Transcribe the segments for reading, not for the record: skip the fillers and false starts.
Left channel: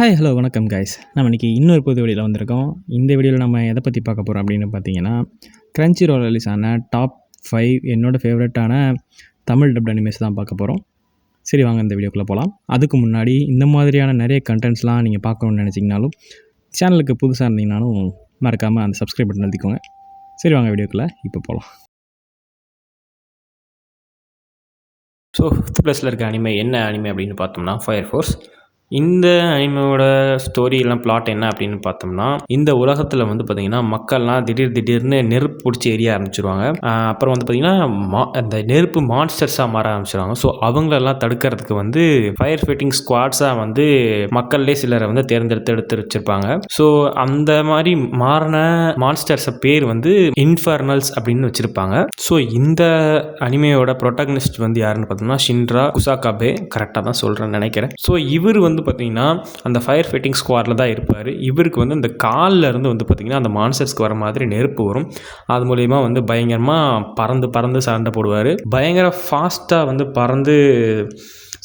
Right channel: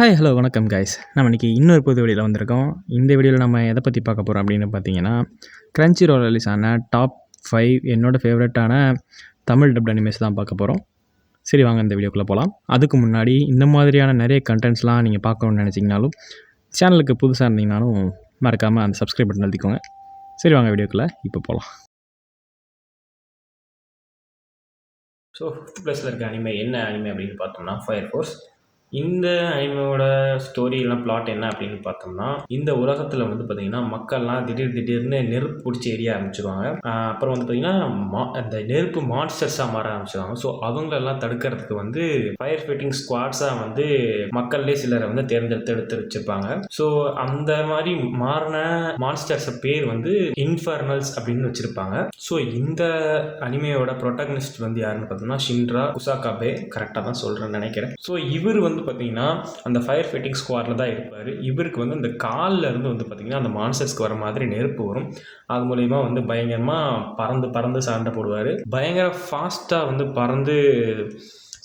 Hi hello வணக்கம் guys. நம்ம இன்றைக்கி இன்னொரு புது வீடியோவில் வந்திருக்கோம். இந்த வீடியோவில் நம்ம எதை பற்றி பார்க்க போகிறோம் அப்படின்னு பார்த்தீங்கன்னா, கிரன்ச்சி ரோல் ரிலீஸ் ஆன டாப் 5 என்னோடய ஃபேவரட்டான தமிழ் டப்ட் அனிமேஸ் தான் பார்க்க போகிறோம். சரி வாங்க இந்த வீடியோக்குள்ளே போகலாம். அதுக்கு முன்னாடி இந்த மாதிரியான நிறைய கண்டென்ட்ஸ்லாம் நீங்கள் பார்க்கணுன்னு நினச்சிங்கனாலும், சேனலுக்கு புதுசாக இருந்தீங்கனாலும் மறக்காமல் அந்த சப்ஸ்கிரைப் பட்டன் அழுத்திக்கோங்க. சரி வாங்க வீடியோக்குள்ளே இப்போ போகலாம். ஸோ 5th ப்ளஸில் இருக்க அனிமே என்ன அனிமே அப்படின்னு பார்த்தோம்னா ஃபயர் ஃபோர்ஸ். இந்த அனிமையோட ஸ்டோரிலாம் பிளாட் என்ன அப்படின்னு பார்த்தோம்னா, இந்த உலகத்தில் வந்து பார்த்திங்கன்னா மக்கள்லாம் திடீர்னு நெருப்பு பிடிச்சி எரிய ஆரம்பிச்சிருவாங்க. அப்புறம் வந்து பார்த்திங்கன்னா அந்த நெருப்பு மான்ஸ்டர்ஸாக மாற ஆரம்பிச்சிருவாங்க. ஸோ அவங்களெல்லாம் தடுக்கிறதுக்கு வந்து ஃபயர் ஃபைட்டிங் ஸ்குவாட்ஸாக வந்து மக்கள்லே சிலரை வந்து எடுத்து வச்சுருப்பாங்க. ஸோ அந்த மாதிரி மாறின மான்ஸ்டர்ஸை பேர் வந்து இன்ஃபர்னல்ஸ் அப்படின்னு வச்சுருப்பாங்க. ஸோ இந்த அனிமையோட ப்ரொட்டாகனிஸ்ட் வந்து யாருன்னு பார்த்தோம்னா ஷின்ரா குசாகாபே, கரெக்டாக தான் சொல்கிறேன்னு நினைக்கிறேன். ஸோ இவர் வந்து பார்த்திங்கன்னா அந்த ஃபயர் ஃபைட்டிங் ஸ்குவாடில் தான் இருப்பார். இவருக்கு வந்து அந்த காலில் இருந்து வந்து பார்த்திங்கன்னா அந்த மான்ஸ்டர்ஸ்க்கு வர மாதிரி நெருப்பு வரும். அது மூலயமா வந்து பயங்கரமாக பறந்து சண்டை போடுவார். பயங்கர ஃபாஸ்ட்டாக வந்து பறந்து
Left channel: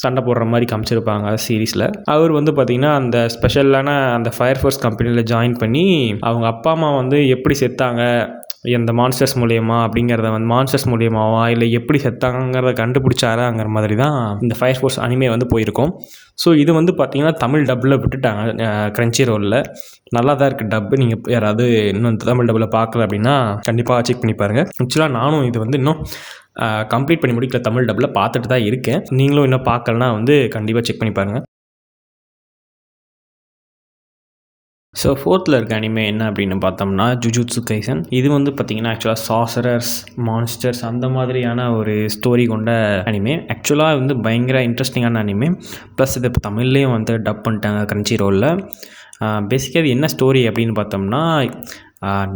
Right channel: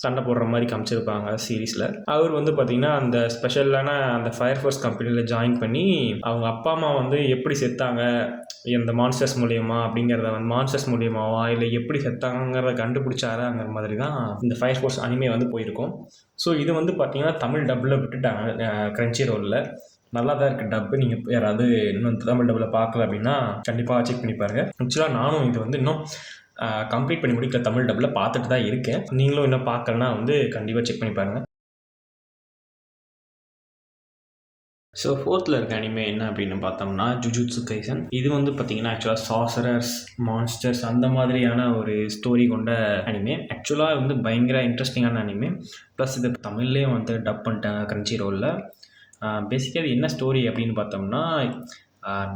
சண்டை போடுற மாதிரி காமிச்சிருப்பாங்க சீரீஸில். அவர் வந்து பார்த்திங்கன்னா அந்த ஸ்பெஷலான அந்த ஃபயர் ஃபோர்ஸ் கம்பெனியில் ஜாயின் பண்ணி அவங்க அப்பா அம்மா வந்து எப்படி செத்தாங்க இந்த மான்ஸ்டர்ஸ் மூலியமாக அப்படிங்கிறத வந்து மான்ஸ்டர்ஸ் மூலியமாவா இல்லை எப்படி செத்தாங்கிறத கண்டுபிடிச்சாராங்கிற மாதிரி தான் இந்த ஃபயர் ஃபோர்ஸ் அனிமே வந்து போயிருக்கும். ஸோ இது வந்து பார்த்திங்கன்னா தமிழ் டப்பில் விட்டுட்டாங்க கிரன்ச்சி ரோலில். நல்லா தான் இருக்குது டப்பு. நீங்கள் யாராவது இன்னும் தமிழ் டப்பில் பார்க்கல அப்படின்னா கண்டிப்பாக செக் பண்ணி பாருங்கள். ஆக்சுவலாக நானும் இது வந்து இன்னும் கம்ப்ளீட் பண்ணி முடிக்கல, தமிழ் டப்பில் பார்த்துட்டு தான் இருக்கேன். நீங்களும் இன்னும் பார்க்கலன்னா வந்து கண்டிப்பாக செக் பண்ணி பாருங்கள். ஸோ 4th இருக்க அனிமே என்ன அப்படின்னு பார்த்தோம்னா ஜுஜுட்சு கைசன். இது வந்து பார்த்திங்கன்னா ஆக்சுவலாக சாசரர்ஸ் மான்ஸ்டர்ஸ் அந்த மாதிரியான ஒரு ஸ்டோரி கொண்ட அனிமே. ஆக்சுவலாக வந்து பயங்கர இன்ட்ரெஸ்டிங்கான அனிமே. ப்ளஸ் இது இப்போ தமிழ்லேயும் வந்து டப் பண்ணிட்டாங்க கிரன்ச்சி ரோலில். பேசிக்காக இது என்ன ஸ்டோரி அப்படின்னு பார்த்தோம்னா,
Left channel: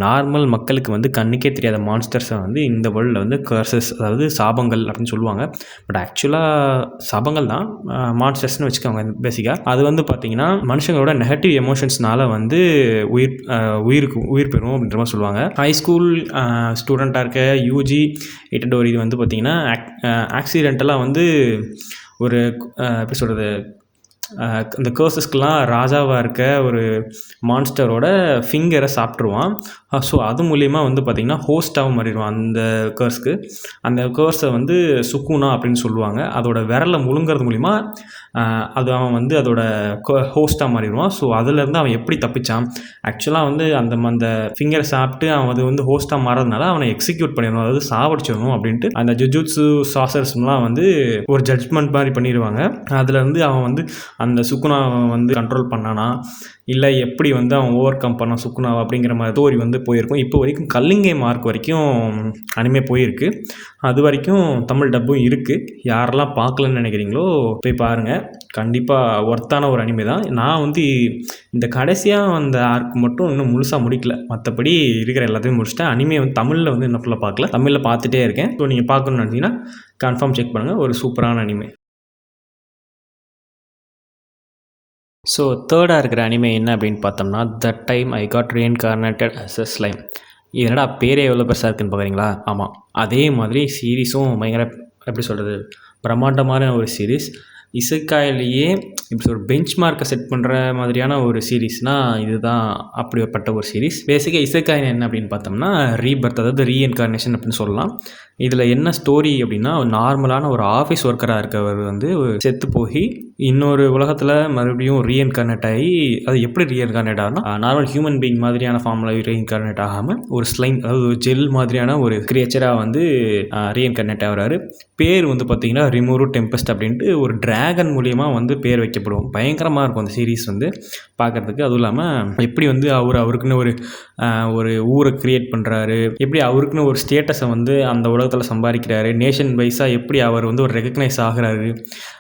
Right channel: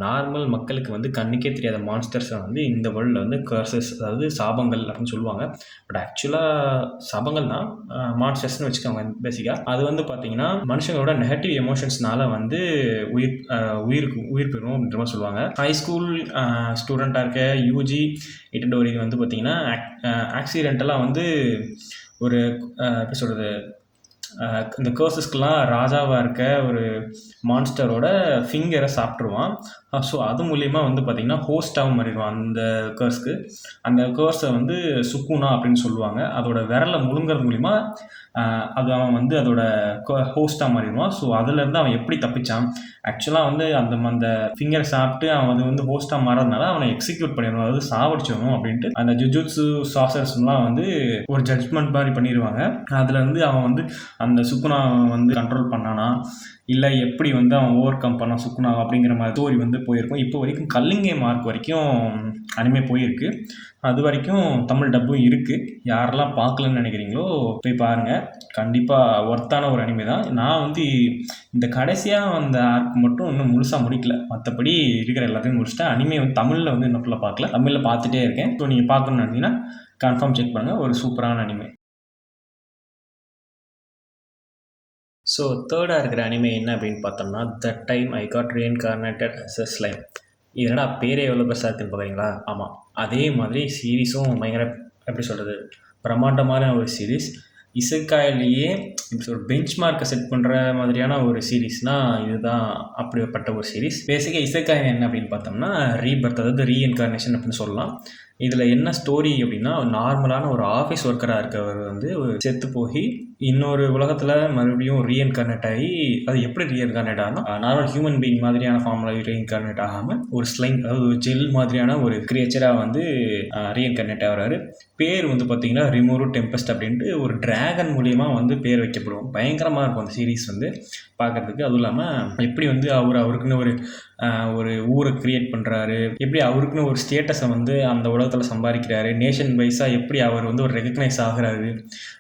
நார்மல் மக்களுக்கு வந்து கண்ணுக்கே தெரியாத மான்ஸ்டர்ஸை வந்து இந்த வேர்ல்டில் வந்து கர்சஸ், அதாவது சாபங்கள் அப்படின்னு சொல்லுவாங்க. பட் ஆக்சுவலாக சாபங்கள் தான், மான்ஸ்டர்ஸ்னு வச்சுக்கோங்க. பேசிக்காக அது வந்து பார்த்திங்கன்னா மனுஷங்களோட நெகட்டிவ் எமோஷன்ஸ்னால வந்து உயிர் பெறும் அப்படின்ற மாதிரி சொல்லுவாங்க. ஹை ஸ்கூல் ஸ்டூடெண்ட்டாக இருக்க யூஜி இட்டடோரி வந்து பார்த்திங்கன்னா ஆக்சிடென்டலாக வந்து ஒரு எப்படி சொல்கிறது, அந்த கர்சஸ்க்கெலாம் ராஜாவாக இருக்க ஒரு மான்ஸ்டரோட ஃபிங்கரை சாப்பிட்ருவான். ஸோ அது மூலிமா வந்து பார்த்திங்கன்னா ஹோஸ்ட்டாகவும் மாறிடுவான் அந்த கர்ஸ்க்கு. அந்த கர்ஸை வந்து சுக்குனா அப்படின்னு சொல்லுவாங்க. அதோட விரலை முழுங்கிறது மூலிமா அது அவன் வந்து அதோட ஹோஸ்ட்டாக மாறிடுவான். ஸோ அதுலேருந்து அவன் எப்படி தப்பிச்சான், ஆக்சுவலாக வந்து அந்த ஃபிங்கரை சாப்பிட்டு அவன் அது வந்து ஹோஸ்ட்டாக மாறதுனால அவனை எக்ஸிக்யூட் பண்ணிடணும், அதாவது சாவடிச்சிடணும் அப்படின்ட்டு அந்த ஜுஜுட்சு சாசர்ஸ்லாம் வந்து ஒரு ஜட்ஜ்மெண்ட் மாதிரி பண்ணிடுவாங்க. அதில் வந்து அவன் வந்து அந்த சுக்குனாவை வந்து கண்ட்ரோல் பண்ணானா இல்லை எப்படி வந்து அவன் ஓவர் கம் பண்ணான் சுக்குனாவை அப்படிங்கிற மாதிரி ஸ்டோரி வந்து போயிருக்கும். இப்போ வரைக்கும் கல்லிங்கை மார்க் வரைக்கும் அனிமே போயிருக்கு. அது வரைக்கும் தமிழ் டப்பும் இருக்குது. யாரெல்லாம் பார்க்கலன்னு நினைக்கிறீங்களோ போய் பாருங்கள். கண்டிப்பாக ஒர்த்தான ஒரு அனிமே தான். நான் வந்து இந்த கடைசியாக அந்த ஆர்க் மட்டும் இன்னும் முழுசாக முடிக்கல. மற்றபடி இருக்கிற எல்லாத்தையும் முடிச்சுட்டேன். அனிமே வந்து தமிழில் வந்து இன்னும் ஃபுல்லாக பார்க்கல, தமிழில் பார்த்துட்டே இருக்கேன். ஸோ நீங்கள் பார்க்கணுன்னு நினச்சிங்கன்னா கன்ஃபார்ம் செக் பண்ணுங்கள். ஒரு சூப்பரான அனிமே. ஸோ 3rd இருக்கிற அனிமே என்ன அப்படின்னு பார்த்தோம்னா that time I got reincarnated as a slime. இதனடா பேரே எவ்வளோ பெருசாக இருக்குன்னு பார்க்குறீங்களா? ஆமாம், அதே மாதிரி சீரீஸும் பயங்கர எப்படி சொல்கிறது பிரம்மாண்டமான ஒரு சீரீஸ். இசைக்காயிலேயே இப்படி ஒரு பெஞ்ச் மார்க்கை செட் பண்ணுற மாதிரியான ஒரு சீரீஸ்னால் இதுதான் அப்படிப்பட்ட ஒரு சீரீஸ். பேசிக்காக இசைக்காய் என்ன அப்படின்னு பார்த்தோம்னா ரீபர்த், அதாவது ரீஇன்கார்னேஷன் அப்படின்னு சொல்லலாம். இதில் என்ன ஸ்டோரி அப்படின்னா, நார்மலான ஒரு ஆஃபீஸ் ஒர்க்கராக இருக்கவர் வந்து செத்து போய் இன்னொரு உலகத்தில் மறுபடியும் ரீஇன்கார்னேட் ஆகி, அது எப்படி ரீஇன்கார்னேட் ஆகுனா நார்மல் ஹியூமன் பீயிங் மாதிரியான ஃபார்மில் ரீஇன்கார்னேட் ஆகாமல் ஒரு ஸ்லைம், அதாவது ஒரு ஜெல் மாதிரியான ஒரு கிரியேச்சராக வந்து ரீஇன்கார்னேட் ஆகிறாரு. பேர் வந்து பார்த்திங்கன்னா ரிமோரு டெம்பஸ்ட் அப்படின்ட்டு ஒரு டிராகன் மூலியமாக வந்து பேர் வைக்கப்படும். பயங்கரமாக இருக்கும் அந்த சீரீஸ் வந்து பார்க்குறதுக்கு. அதுவும் இல்லாமல் எப்படி வந்து அவருக்குன்னு ஒரு ஊரை க்ரியேட் பண்ணுறாரு, எப்படி அவருக்குன்னு ஒரு ஸ்டேட்டஸை வந்து அந்த உலகத்தில் சம்பாதிக்கிறாரு, நேஷன் வைஸாக எப்படி அவர் வந்து ஒரு ரெகக்னைஸ் ஆகிறாரு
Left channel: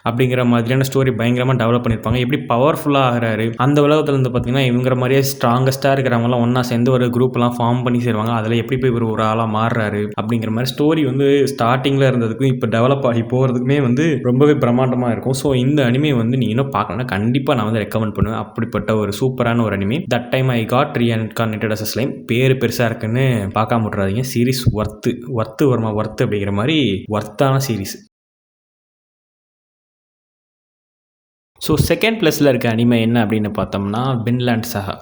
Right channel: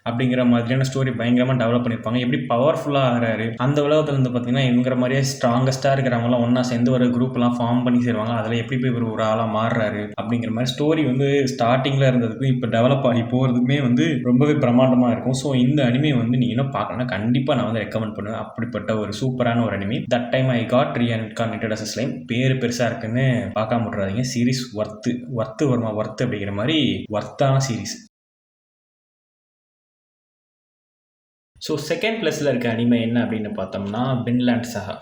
அப்படிங்கிற மாதிரியான ஸ்டோரி பயங்கரமாக டெவலப் பண்ணியிருப்பாங்க. எப்படி பவர்ஃபுல்லாக ஆகிறாரு அந்த உலகத்தில் வந்து பார்த்திங்கன்னா இவங்கிற மாதிரியே ஸ்ட்ராங்கஸ்ட்டாக இருக்கிறவங்களாம் ஒன்றா சேர்ந்து ஒரு குரூப்லாம் ஃபார்ம் பண்ணி சேருவாங்க. அதில் எப்படி போய் ஒரு ஆளாக மாறுறாரு அப்படிங்கிற மாதிரி ஸ்டோரி வந்து ஸ்டார்டிங்கில் இருந்ததுக்கும் இப்போ டெவலப் ஆகி போகிறதுக்குமே வந்து ரொம்பவே பிரம்மாண்டமாக இருக்கும். ஸோ இந்த அனிமே வந்து நீங்கள் இன்னும் பார்க்கணும்னா கண்டிப்பாக நான் வந்து ரெக்கமெண்ட் பண்ணுவேன். அப்படிப்பட்ட ஒரு சூப்பரான ஒரு anime. That time I got reincarnated as a slime. பேர் பெருசாக இருக்குன்னு பார்க்காம விட்றாதீங்க. சீரீஸ் ஒர்த்து வருமா ஒர்த்து அப்படிங்கிற மாதிரி ஒர்த்தான சீரீஸ். ஸோ செகண்ட் ப்ளஸில் இருக்க அனிமே என்ன அப்படின்னு பார்த்தோம்னா வின்லாண்ட் சாகா.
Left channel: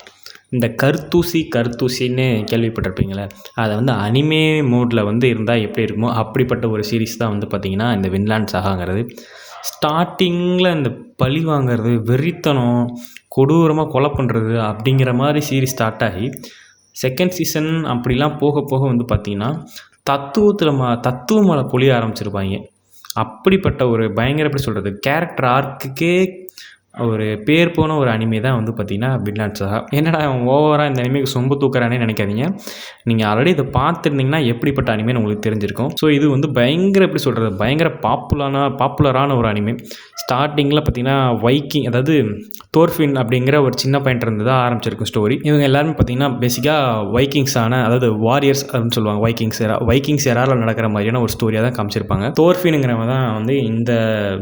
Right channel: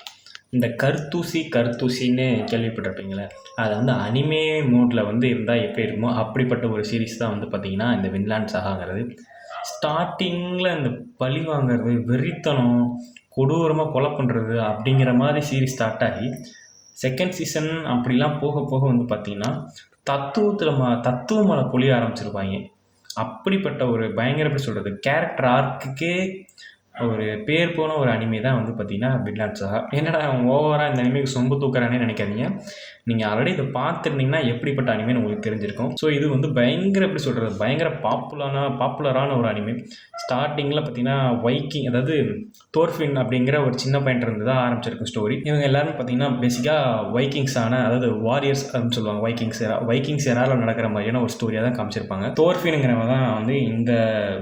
இந்த கருத்தூசின்னு கேள்விப்பட்டிருப்பீங்களே, அதை வந்து அனிமே மோடில் வந்து இருந்தால் எப்படி இருக்குமோ அப்படிப்பட்ட ஒரு சீரிஸ் தான் வந்து பார்த்திங்கன்னா இந்த வின்லாண்ட் சாகாங்கிறது. ஸ்டார்டிங்கில் இந்த பழி வாங்கிறது, வெறித்தனம், கொடூரமாக கொலை பண்ணுறது அப்படிங்கிற மாதிரி சீரிஸ் ஸ்டார்ட் ஆகி செகண்ட் சீசன் அப்படிலாம் போக போக வந்து பார்த்திங்கன்னா தத்துவம் மேலே பொழிய ஆரம்பிச்சிருப்பாங்க. அப்படிப்பட்ட ஒரு பயங்கர எப்படி சொல்கிறது, கேரக்டர் ஆர்க்குக்கே ஒரு பேர் போன ஒரு அனிமே தான் வந்து பார்த்திங்கன்னா வின்லாண்ட் சாகா. என்னடா அவன் ஓவராக இந்த அனிமேக்கு சொம்பு தூக்குறானே நினைக்காதீங்க. நீங்கள் ஆல்ரெடி இதை பார்த்துருந்தீங்கன்னா எப்படிப்பட்ட அனிமேன்னு உங்களுக்கு தெரிஞ்சிருக்கும். ஸோ இது வந்து பயங்கர எப்படி சொல்கிறது, பயங்கர பாப்புலரான ஒரு அனிமே. ஸ்டார்டிங்கில் பார்த்திங்கன்னா வைக்கிங், அதாவது தோர்ஃபின் அப்படிங்கிற ஒரு சின்ன பையன் இருந்து தான் ஆரம்பிச்சிருக்கும் ஸ்டோரி. இவங்க எல்லாருமே பார்த்திங்கன்னா பேசிக்காக வைக்கிங்ஸான, அதாவது வாரியர்ஸ் அப்படின்னு சொல்லுவாங்க, வைக்கிங்ஸ் எராவில் நடக்கிற மாதிரியான ஒரு ஸ்டோரியாக தான் காமிச்சிருப்பாங்க. தோர்ஃபினுங்கிறவங்க தான் வந்து இந்த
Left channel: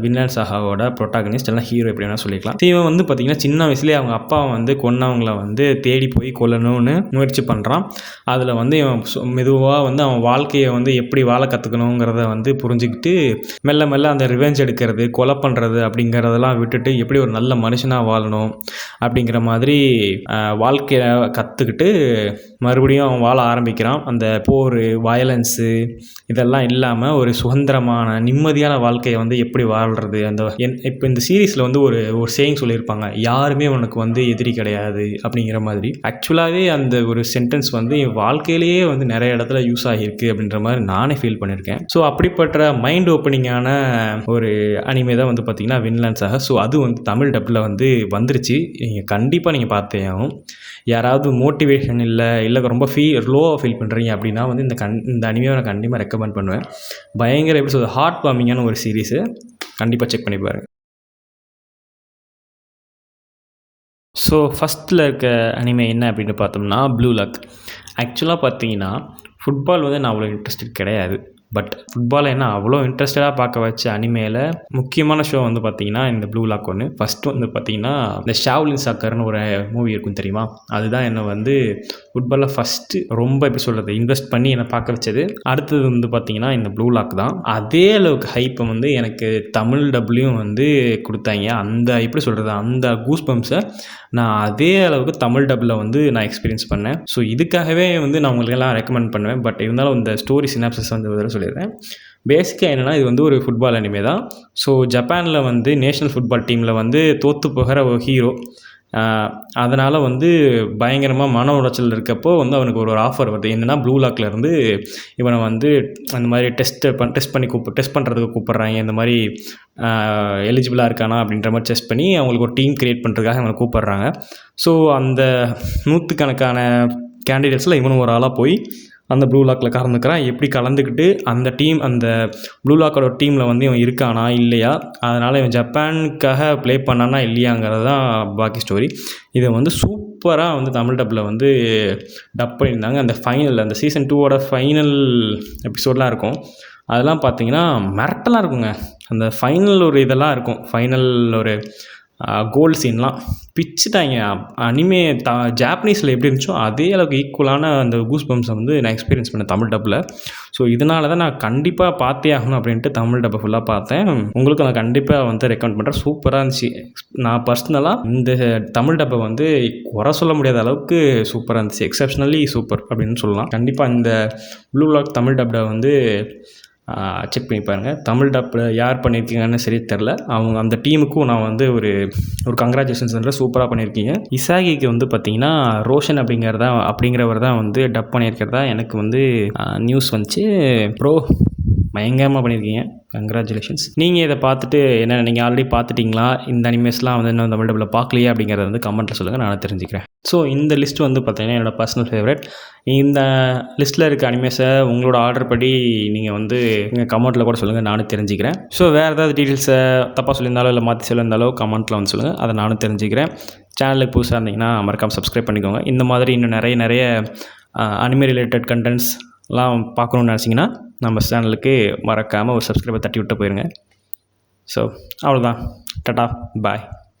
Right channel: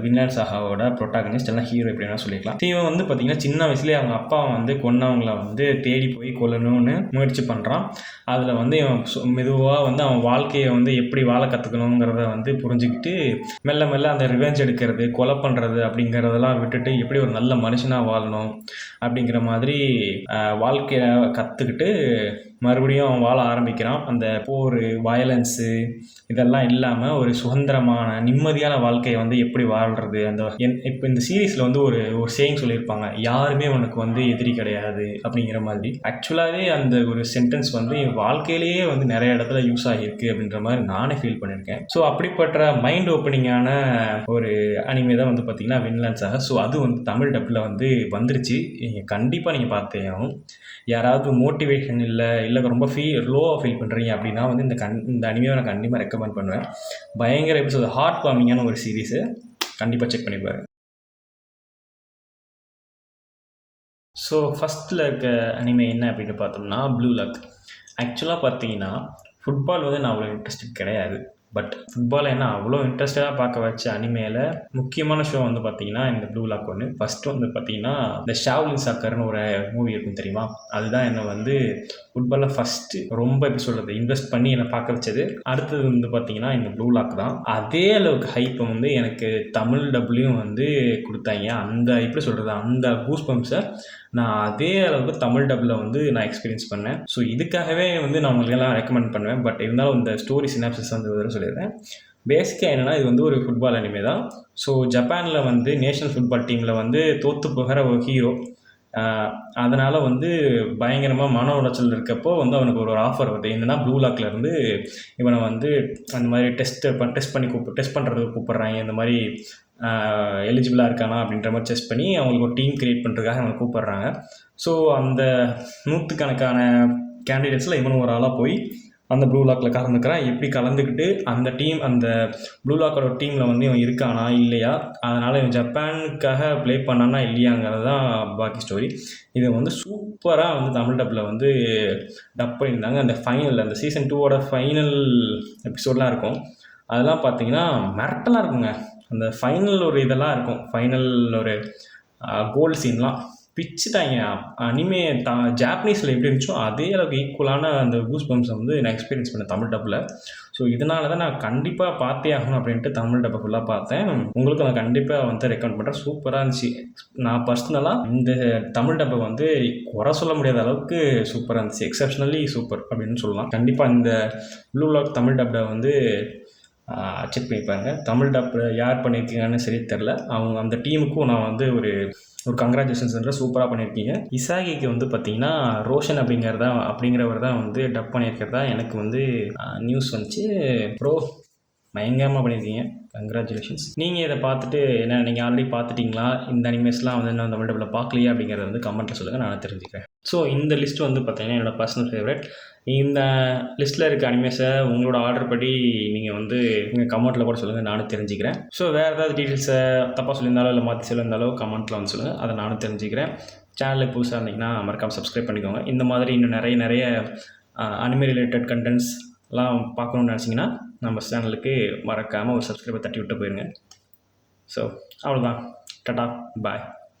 வின்லாண்ட் சாகாவோட ப்ரொட்டாகனிஸ்ட், எல்லாம் ஹீரோ எப்படி வேணால் சொல்லிக்கலாம். இவன் வந்து பார்த்திங்கன்னா சின்ன வயசுலேயே அவங்க அப்பா வந்து கொன்னவங்களை வந்து தேடி போய் கொல்லணும்னு முயற்சி பண்ணுறான். அதில் வந்து இவன் மெதுவாக வந்து அவன் வாழ்க்கையை வந்து எப்படி வாழ கற்றுக்கணுங்கிறத வந்து புரிஞ்சுக்கிட்டு மெல்ல மெல்ல அந்த ரிவெஞ்ச் எடுக்கிறது, கொலை பண்ணுறது அப்படிங்கிறதெல்லாம் விட்டுட்டு எப்படி ஒரு நல்ல மனுஷனாக வாழணும் அப்படிங்கிற மாதிரி வாழ்க்கையை கற்றுக்கிட்டு மறுபடியும் அவன் வாழ ஆரம்பிக்கிறான். அந்த போர், வயலன்ஸு இதெல்லாம் இல்லாமல் ஒரு சுதந்திரமான நிம்மதியான வாழ்க்கையை வந்து எப்படி வாழ்கிறது. இப்போ இந்த சீரீஸில் வந்து ஒரு சேயிங் சொல்லியிருப்பாங்க, யாருமே உனக்கு வந்து எதிரி கிடையாது அப்படிங்கிற மாதிரி. ஆக்சுவலாகவே அந்த ஒரு சென்டென்ஸ் வந்து என் வாழ்க்கையிலேயே வந்து நிறைய இடத்துல யூஸ் ஆகியிருக்கு அப்படின்ற மாதிரி நானே ஃபீல் பண்ணியிருக்கேன். ஸோ அப்படிப்பட்ட மைண்ட் ஓப்பனிங்கான ஒரு அனிமே தான் வந்து பார்த்திங்கன்னா வின்லாண்ட் சாகா. ஸோ அது வந்து தமிழ் டப்பில் வந்து வந்துருச்சு. நீங்கள் கண்டிப்பாக நீங்கள் பார்த்தே ஆகும். யாராவது மோட்டிவேஷன் இல்லை ரொம்ப லோவாக ஃபீல் பண்ணுறீங்க அப்படின்னா வந்து இந்த அனிமையை நான் கண்டிப்பாக ரெக்கமெண்ட் பண்ணுவேன். பயங்கர எப்படி சொல்கிறது, ஹார்ட் வார்மிங்கான ஒரு சீரீஸு. கண்டிப்பாக செக் பண்ணி பாருங்கள். ஸோ ஃபஸ்ட்டில் இருக்க அனிமே என்ன அப்படின்னு பார்த்தோம்னா ப்ளூ லாக். ஆக்சுவலாக பார்த்தீங்கன்னா ஃபுட்பால் வந்து நான் அவ்வளோ இன்ட்ரெஸ்டட் கிடையாது. பட் ஃபுட்பாலை என்ன அவ்வளோ இன்ட்ரெஸ்டடாக பார்க்க வச்ச அனிமேயில் முக்கியமான ஷோ வந்து பார்த்திங்கன்னா இந்த ப்ளூ லாக் ஒன்று. ஃபஸ்ட்டு வந்து பார்த்திங்கன்னா இந்த ஷாவ்லின் சாக்கர்னு ஒரு மூவி இருக்கும் தெரியுமா, அதுதான் என்னை வந்து ஃபுட்பாலில் ஃபஸ்ட்டு ரொம்ப எப்படி சொல்கிறது இன்வெஸ்ட் பண்ணி என்னை பார்க்க வச்சது. அடுத்தது வந்து பார்த்திங்கன்னா இந்த ப்ளூ லாக் தான். அதே அளவுக்கு ஹைப்பை வந்து எனக்கு தமிழ் டப்லையும் வந்து கொடுத்தாங்க. அந்த எப்படி சொல்கிறது, அந்த கூஸ் பம்ப்ஸை நான் அதே அளவுக்கு தமிழ் டப்பில் வந்து நான் எக்ஸ்பீரியன்ஸ் பண்ணேன். ஸோ இதுக்காகவே வந்து நான் உங்களுக்கெல்லாம் ரெக்கமெண்ட் பண்ணுவேன். பட் இருந்தாலும் இந்த ஸ்டோரி சினாப்சிஸ் வந்து சொல்லிடுறேன். பேசிக்காக என்னென்னா இது வந்து ஒரு ஃபுட்பால் அனிமே தான். ஸோ ஜப்பானில் வந்து நேஷ்னல் ஃபுட்பால் டீமில் வந்து தோற்று போகிற ஒரு ஹீரோ, அதனால் வந்து பயங்கரமாக மன உளைச்சல் இருக்கப்போ வந்து அவனுக்கு ஒரு ஆஃபர் வருது. என்னென்னா ப்ளூ லாக்லேருந்து இவனை வந்து அந்த மாதிரி டெஸ்ட் பண்ணுறதுக்கு கூப்பிட்றாங்க. இந்த மாதிரி எலிஜிபிளாக இருக்கானா அப்படின்ற மாதிரி டெஸ்ட் பண்ணி அவங்களுக்கு ஒரு டீம் க்ரியேட் பண்ணுறதுக்காக அவனை கூப்பிட்றாங்க. ஸோ அந்த 100கணக்கான கேண்டிடேட்ஸில் இவனும் ஒரு ஆளாக போய் அந்த ப்ளூ லாக்கில் கலந்துக்கிறான். எப்படி கலந்துக்கிட்டு அந்த ப்ளூ லாக்கோட டீமில் வந்து இவன் இருக்கானா இல்லையா, அதனால் இவன் ஜப்பானுக்காக ப்ளே பண்ணானா இல்லையாங்கிறது தான் பாக்கி ஸ்டோரி. இதை வந்து சூப்பராக வந்து தமிழ் டப்பில் வந்து டப் பண்ணியிருந்தாங்க. அந்த சீசன் 2 ஃபைனல் எபிசோடெலாம் இருக்கும். அதெல்லாம் பார்த்தீங்கன்னா மிரட்டலாக இருக்குங்க. அந்த ஃபைனல் ஒரு இதெல்லாம் இருக்கும், ஃபைனல் ஒரு கோல் சீன்லாம் பிச்சுட்டாங்க. அனிமே ஜாப்பனீஸில் எப்படி இருந்துச்சோ அதே அளவுக்கு ஈக்குவலான அந்த கூஸ் பம்ப்ஸை வந்து நான் எக்ஸ்பீரியன்ஸ் பண்ணேன் தமிழ் டப்பில். ஸோ இதனால தான் நான் கண்டிப்பாக பார்த்தே ஆகணும் அப்படின்ட்டு தமிழ் டப்பை ஃபுல்லாக பார்த்தேன். உங்களுக்கு நான் கண்டிப்பாக வந்து ரெக்கமெண்ட் பண்ணுறேன். சூப்பராக இருந்துச்சு. நான் பர்சனலாக இந்த தமிழ் டப்பை வந்து குறை சொல்ல முடியாத அளவுக்கு சூப்பராக இருந்துச்சு. எக்ஸப்ஷனலி சூப்பர் அப்படின்னு சொல்லலாம். கண்டிப்பாக இந்த ப்ளூ லாக் தமிழ் டப்பை வந்து செக் பண்ணி பாருங்கள். தமிழ் டப்பில் யார் பண்ணியிருக்கீங்கன்னு சரி தெரில. அந்த டீமுக்கும் நான் வந்து ஒரு கங்க்ராச்சுலேஷன்ஸ் சொல்கிறேன். சூப்பராக பண்ணியிருக்கீங்க. இசாகிக்கு வந்து பார்த்திங்கன்னா ரோஷன் அப்படிங்கிறவர் தான் வந்து டப் பண்ணியிருக்கிறதா எனக்கு வந்து நியூஸ் வந்துச்சு. ப்ரோ பயங்கரமாக பண்ணியிருக்கீங்க, கங்க்ராச்சுலேஷன்ஸ். நீங்கள் இதை பார்த்துட்டு என்ன, நீங்கள் ஆல்ரெடி பார்த்துட்டிங்களா, இந்த அனிமேஸ்லாம் வந்து இன்னும் தமிழ் டப்பில் பார்க்கலையா அப்படிங்கிறத வந்து கமெண்ட்டில் சொல்லுங்கள், நான் தெரிஞ்சுக்கிறேன். ஸோ இந்த லிஸ்ட் வந்து பார்த்திங்கன்னா என்னோடய பர்சனல் ஃபேவரட். இந்த லிஸ்ட்டில் இருக்க அனிமேஸை உங்களோட ஆர்டர் படி நீங்கள் வந்து நீங்கள் கமெண்ட்டில் கூட சொல்லுங்கள், நானும் தெரிஞ்சுக்கிறேன். ஸோ வேறு ஏதாவது டீட்டெயில்ஸை தப்பாக சொல்லியிருந்தாலோ இல்லை மாற்றி சொல்லியிருந்தாலோ கமெண்ட்டில் வந்து சொல்லுங்கள், அதை நானும் தெரிஞ்சுக்கிறேன். சேனலுக்கு புதுசாக இருந்தீங்கன்னா மறக்காமல் சப்ஸ்கிரைப் பண்ணிக்கோங்க. இந்த மாதிரி இன்னும் நிறைய அனிமே ரிலேட்டட் கண்டென்ட்ஸ்லாம் பார்க்கணுன்னு நினச்சிங்கன்னா நம்ம சேனலுக்கு மறக்காமல் ஒரு சப்ஸ்கிரைபர் தட்டி விட்டு போயிருங்க. ஸோ அவ்வளோதான். டாடா, பாய்.